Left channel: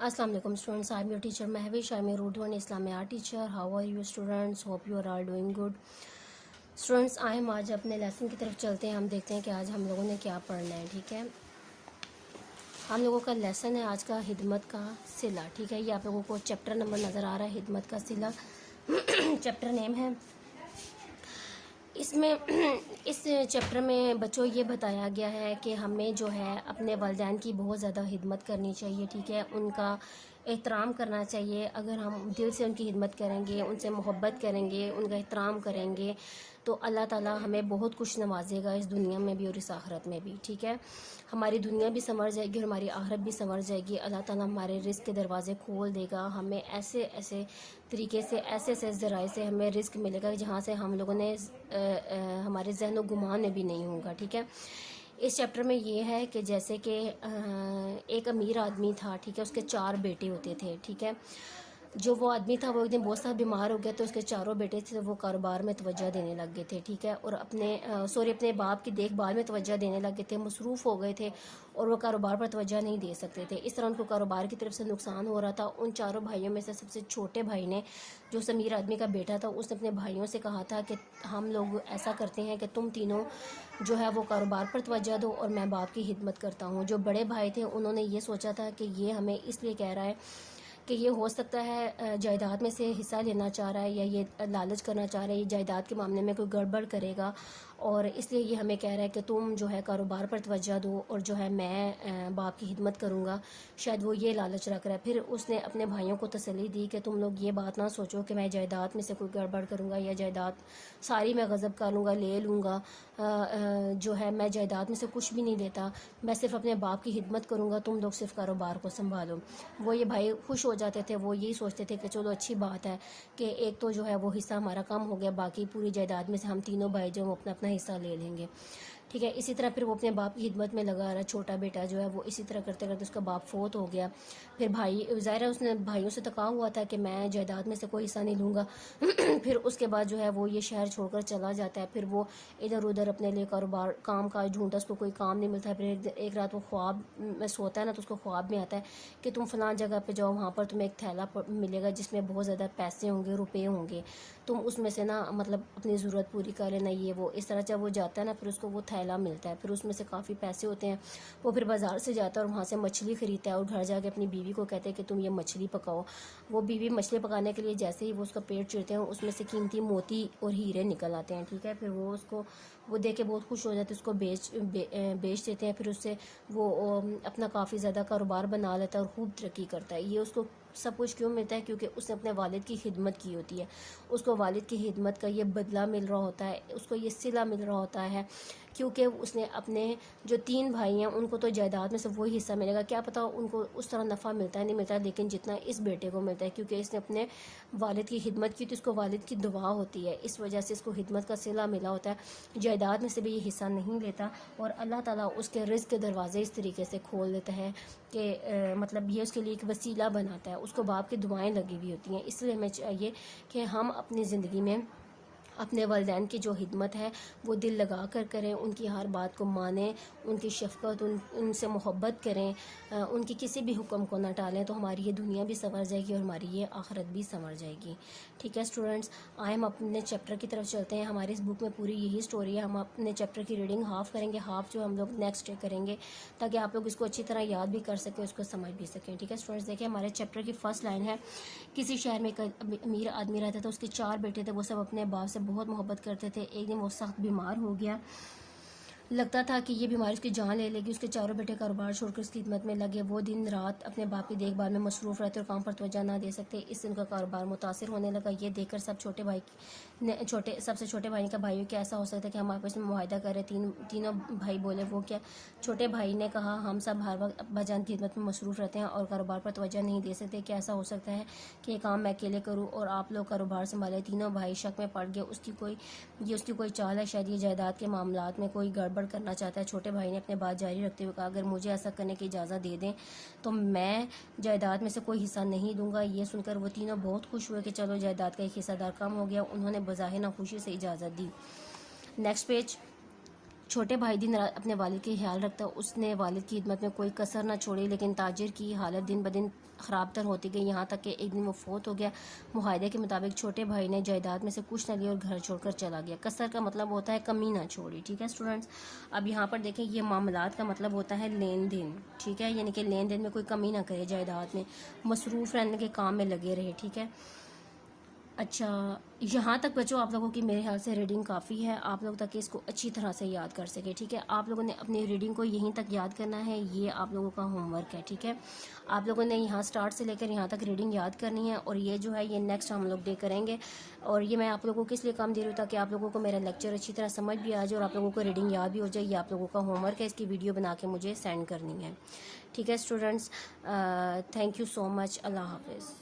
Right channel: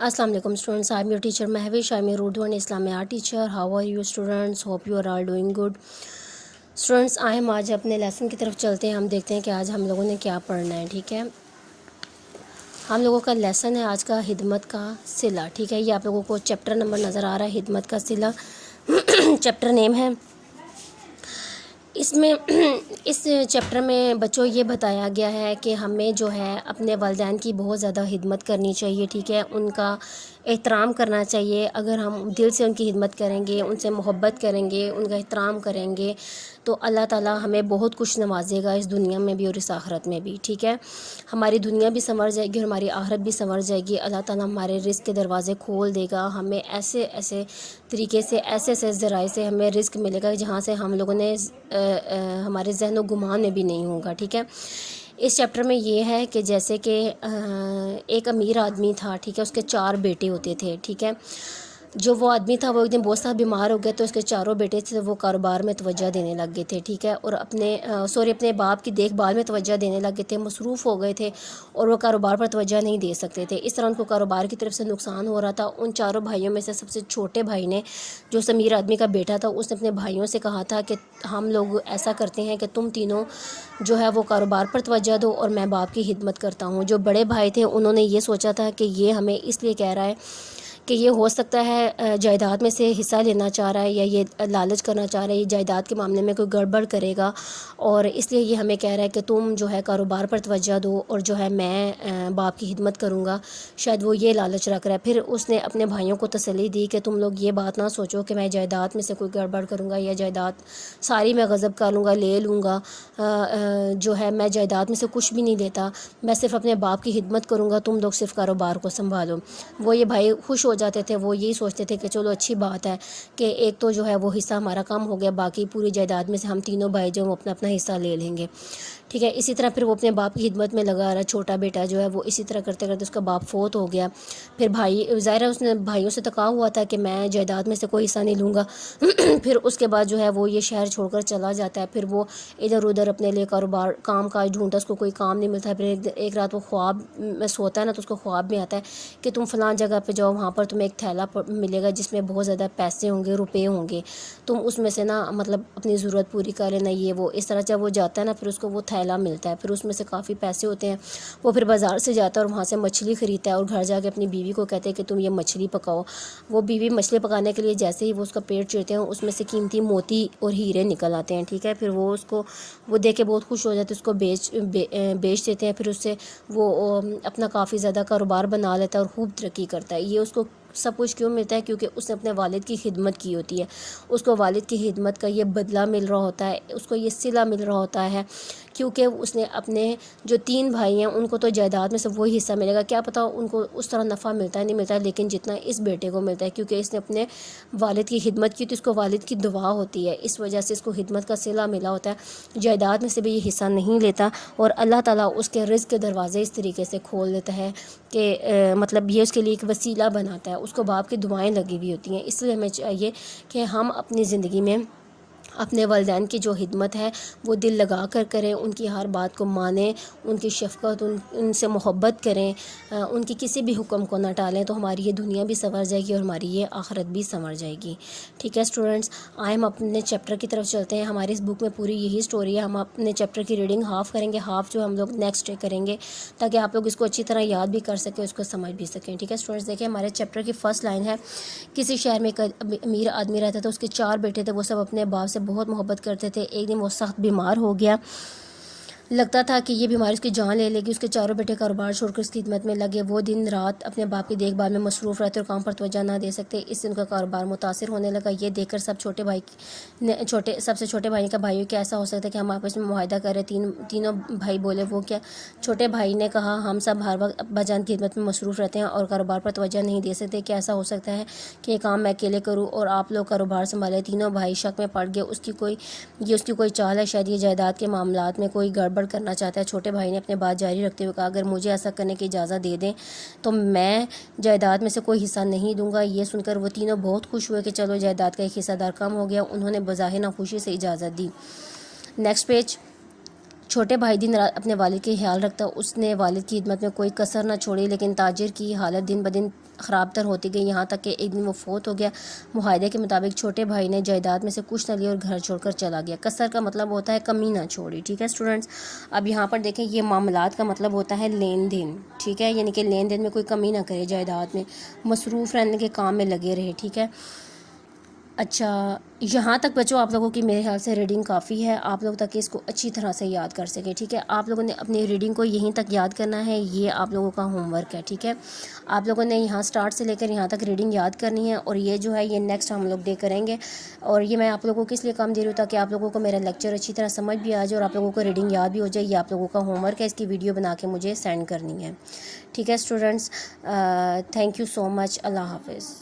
Assalamu alaikum students. I'm your teacher Mehwish. I'm your Urdu and Islamic art teacher. How are you students? Hope you are all doing good. Students, ہم آج اپنے lesson کی طرف چلتے ہیں. ہم دیکھتے ہیں کہ آج ہم لوگوں نے کیا پڑھنا ہے. ٹھیک ہے, ہم لوگوں کا لیسن ہے آج کا خدمت کا صلہ. ٹھیک ہے, یہ آپ لوگوں کو چیپٹر نمبر نظر آ رہا ہے, خدمت کا صلہ چیپٹر نیم ہے. اس میں اس چیپٹر میں بچوں یہ بتایا گیا ہے کہ ہمیں جو ہے اپنے والدین کی بہت زیادہ خدمت کرنی چاہیے. ٹھیک ہے, ان کا احترام کرنا چاہیے. اگر ہم دل سے ان کی خدمت کریں گے, ان سے محبت کریں گے, ان کا احترام کریں گے, تو اللہ تعالیٰ ہمیں بہت کچھ نوازے گا اس دنیا میں بھی اور اس آخرت میں بھی. ٹھیک ہے, ہماری دنیا بھی سنور جائے گی اور ہماری آخرت بھی سنور جائے گی. اللہ تعالیٰ ہمارے رزق کے دروازے کھول دے گا. ہمیں ایسے ایسے طریقے سے, ایسے ایسے ذرائع سے ہمیں رزق ملے گا جہاں سے ہم لوگوں نے ہمارے ذہن و گمان میں بھی نہیں ہوگا. ٹھیک ہے, اس چیپٹر میں یہ ہے کہ جیسے کہ ایک امیر آدمی تھا. ٹھیک ہے, اس کے 4 بیٹے ہوتے تھے. ٹھیک ہے, جو وہ آدمی تھا وہ ایک دن بہت سا بیمار ہو گیا, تو اس کے 4 بیٹے تھے وہ کاروبار میں توجہ دینے لگ گئے تھے. ٹھیک ہے, اور اپنے باپ کی دیکھ بھال میں توجہ دینے لگ گئے تھے, مصروف ہو گئے تھے اور وہ کاروبار پر توجہ نہیں دے سکتے تھے. اس طرح ان کو کاروبار کی طرف سے نقصان ہو رہا تھا. ان 4 بھائیوں میں سے سب سے چھوٹے بھائی نے, جو اس امیر آدمی کا بیٹا تھا, اس نے اپنے بھائیوں سے کہا تھا کہ ہم لوگ ایسا کرتے ہیں کہ تم تینوں جو ہے وہ کاروبار پر توجہ دو اور میں باپ کی خدمت کرتا ہوں. جو بڑے بھائی تھے انہوں نے یہ سوچا تھا کہ یہ ہمیں اس لیے کہہ رہا ہے کہ یہ ہو سکتا ہے جائیداد میں سے حصہ لینا چاہ رہا ہے, یا یہ لالچ کرنا چاہ رہا ہے, یہ جائیداد کے معاملے میں کوئی گڑبڑ کرے گا, اور اس لیے یہ ہمیں کہہ رہا ہے کہ تم جو ہے کاروبار پر توجہ دو اور جو ہے میں باپ کی خدمت کروں گا. شاید وہ یہ لالچ رکھ رہا ہے. پھر اس نے اپنے بھائیوں کو تسلی دی کہ تم لوگ یہ بات نہ سوچو کہ میں جائیداد میں سے کوئی گڑبڑ کروں گا, یا جائیداد ساری میں غصب کر لوں گا, لے لوں گا. جو ہے میں جائیداد میں سے کچھ بھی نہیں دیتا, میں صرف اپنے باپ کی خدمت کروں گا, تم لوگ صرف کاروبار کو سنبھالو. وہ یہ بھائی خوش ہو جاتے تھے, وہ یہی سوچتے تھے کہ چلو اچھی بات ہے کہ ایک تو جو ہے وہ حصہ ہمارا کم ہو گیا, باقی پوری جائیداد میں سے ہم تینوں بھائی جو وہ اپنا اپنا حصہ لے لیں گے. ٹھیک ہے, اسی طرح پھر وہ اپنے باپ کی خدمت میں لگا رہا. چھوٹا بیٹا جو ہے وہ اسی طرح کرتے کرتے اس کا باپ فوت ہو گیا. پھر بھائی ظاہر ہے اس نے بھائیوں سے تقاضا ہوا تھا کہ میں جائیداد میں سے کوئی حصہ نہیں لوں گا. پھر اس کے بعد جو ہے وہ یہ شہر چھوڑ کر چلا جاتا ہے. پھر وہ ادھر ادھر اپنے لیے کاروبار کام کاج ڈھونڈتا, اس کو کوئی کام نہیں ملتا. پھر ایک رات وہ خواب میں سوتا ہے نا, تو اس کو خواب میں آتا ہے کہ تم فلاں جگہ پہ جاؤ, وہاں پر تمہیں ایک تھیلا ملے گا جس میں بہت زیادہ پیسے ہوں گے, روپے ہوں گے, تم اس میں سے نا مطلب اپنی ضرورت پوری کر لینا. یہ وہ اس طرح جب وہ جاتا ہے نا, پھر اس کو وہ تھیلا ملتا ہے, پھر اس میں سے کافی پیسے ہوتے ہیں. وہ پھر بازار سے جاتا ہے اور وہاں سے مچھلی خریدتا ہے, اور گھر جا کے اپنی بیوی کو کہتے ہیں کہ تم یہ مچھلی پکاؤ. وہ بیوی مچھلی پکانے کے لیے جیسے ہی وہ اس کا پیٹ چیرتے ہیں, اس میں سے قیمتی موتی اور ہیرے نکل آتے ہیں. ٹھیک ہے, پھر وہ اس کو وہ دیکھ کے بہت خوش ہو جاتے, اس کو بیچ دیتے ہیں. پھر اس سے وہ اپنا کافی زیادہ کاروبار بنا لیتا ہے اور خوب ترقی کرتا ہے. یہ اس کو سب کچھ کیوں ملتا ہے؟ کیونکہ اس نے اپنے والد کی خدمت کی ہوتی ہے. اس کو والد کی خدمت کا یہ بدلہ مل رہا ہوتا ہے, اس کو یہ صلہ مل رہا ہوتا ہے, کیونکہ اس نے اپنے جو 3 بھائی ہیں ان کو تو جائیداد میں سے وہی حصہ ملے گا. کیا پتہ ان کو اس طرح نفع ملتا ہے نہیں ملتا ہے, لیکن جتنا اس بیٹے کو ملتا ہے کیونکہ اس نے اپنے والد کی خدمت کی, تو اس کو والد کی دعا ہوتی ہے, اس وجہ سے اس کو خدمت کا صلہ ملا ہوتا ہے. جائیداد میں سے بھی یہ حصہ نہیں لیتا, اور اللہ تعالیٰ اس کے رزق کے دروازے اس طریقے سے کھول دیتا ہے کہ مطلب یہ اس کے لیے ایک وسیلہ بناتا ہے. اس کو باپ کی دعائیں لگی ہوئی ہوتی ہیں. اس لیے ہمیں چاہیے کہ ہم اپنی زندگی میں اپنے والدین کی جو خدمت ہے وہ دل لگا کر کریں, ان کی ہر بات کو مانیں, ان کی شفقت, ان سے محبت کریں, ان کی کسی بھی حکم کو نہ ٹالیں, تو ہماری یہ دنیا بھی سنور جائے گی اور ہماری یہ آخرت بھی سنور جائے گی. ٹھیک ہے اسٹوڈنٹس, آئے ہم اپنے چیپٹر کی طرف چلتے ہیں. ہماری اس بک میں پوری یہی سٹوری ہے. ہم اپنے چیپٹر کی ریڈنگ ہاف کریں گے, ہاف جو ہم لوگ نیکسٹ ڈے کریں گے, تاکہ آپ لوگ اس کو اچھی طرح یاد بھی کر سکیں, اس کو سمجھ بھی سکیں. ٹھیک ہے اسٹوڈنٹس, دیکھیں ہمارے چیپٹر کی فرسٹ لائن ہے, کسی شہر میں ایک امیر آدمی رہتا تھا, اس کے 4 بیٹے تھے, وہ سب اپنے باپ سے بہت محبت کرتے تھے. ایک دن وہ سخت بیمار ہو گیا, لگتا تھا کہ یہ بیماری اس کی جان لے لے گی. اس کے 4 بیٹے کاروبار چھوڑ کر اس کی خدمت میں لگے. وہ دن رات اپنے باپ کی دیکھ بھال میں مصروف رہتے اور کام پر توجہ نہ دے سکتے. اس سے ان کا کاروبار متاثر ہونے لگا. یہ دیکھ کر سب سے چھوٹے بھائی کا بھائیوں کہ ایسا ہو سکتا ہے کہ ہم آپس میں معاہدہ کریں. تینوں بھائی بولے, وہ کیا؟ چھوٹے بھائی نے کہا, ہم سب ہر وقت ابا جان کی خدمت میں مصروف رہتے ہیں اور کاروبار پر توجہ نہیں دے سکتے. کہ ایسا ہو سکتا ہے کہ یہ کام میں اکیلے کروں اور آپ لوگ کاروبار سنبھالیں؟ تینوں بھائی شک میں پڑ گئے. اس کی کوئی چال ہے, شاید یہ جائیداد کے معاملات میں کوئی گڑبڑ کرنا چاہتا ہے. چھوٹے بھائی نے اپنے بات جاری رکھتے ہوئے کہا, اگر مجھے ایسا کرنے کی اجازت دے دیں تو میں جائیداد میں سے کوئی حصہ نہیں دوں گا. یہ سن کر وہ تینوں بہت خوش ہوئے کہ چلو جائیداد کا ایک حصہ دار کم ہو گیا. انہوں نے بظاہر ناخوشی سے اجازت دی. Next page. چھوٹے بھائی دن رات اپنے والد کے خیال رکھتا، اس نے والد کی خدمت میں کوئی کسر نہ چھوڑی، لیکن تاجر کی حالت دن بدن خراب تر ہوتی گئی، یہاں تک کہ ایک دن وہ فوت ہو گیا۔ معاہدے کے مطابق چھوٹے بھائی نے جائیداد میں سے کچھ نہ لیا اور گھر چھوڑ کر چلا گیا۔ کسر کا مطلب ہوتا ہے کمی نہ چھوڑی، ٹھیک ہے اسٹوڈنٹس۔ اب یہاں پر دیکھیں یہ معاملات کا مطلب ہوتا ہے لین دین، ٹھیک ہے، یعنی کہ لین دین میں کوئی کمی نہ کرے، جائیداد میں مصروف رہنے کے کام میں لگے رہے، ٹھیک ہے۔ اچھا یہاں تک بچوں آپ لوگوں کی میرے خیال سے ریڈنگ کافی ہے، آپ لوگ تک اس کو اچھی طرح سے یاد کر سکیں، ٹھیک ہے۔ آپ لوگوں نے اپنی ریڈنگ کو یہیں تک یاد کرنا ہے، یہ آپ لوگوں کا ہوم ورک ہے، ٹھیک ہے۔ آپ لوگوں نے یہاں سٹارٹ سے لے کر یہاں تک ریڈنگ یاد کرنی ہے، اور یہ جو ہے یہ نیکسٹ ہم لوگ ڈے کریں گے، اور یہ میں آپ لوگوں کو اس لیے کام دے رہی ہوں تاکہ آپ لوگوں کو میرا لیکچر اچھی طرح سمجھ بھی آ جائے اور آپ لوگوں کو ریڈنگ یاد بھی ہو جائے۔ یہ آپ لوگوں کا ہوم ورک ہے، اس کی ویڈیو بنا کے مجھے سینڈ کرنی ہے، ٹھیک ہے اسٹوڈنٹس۔ تھینک یو سو مچ، اللہ حافظ۔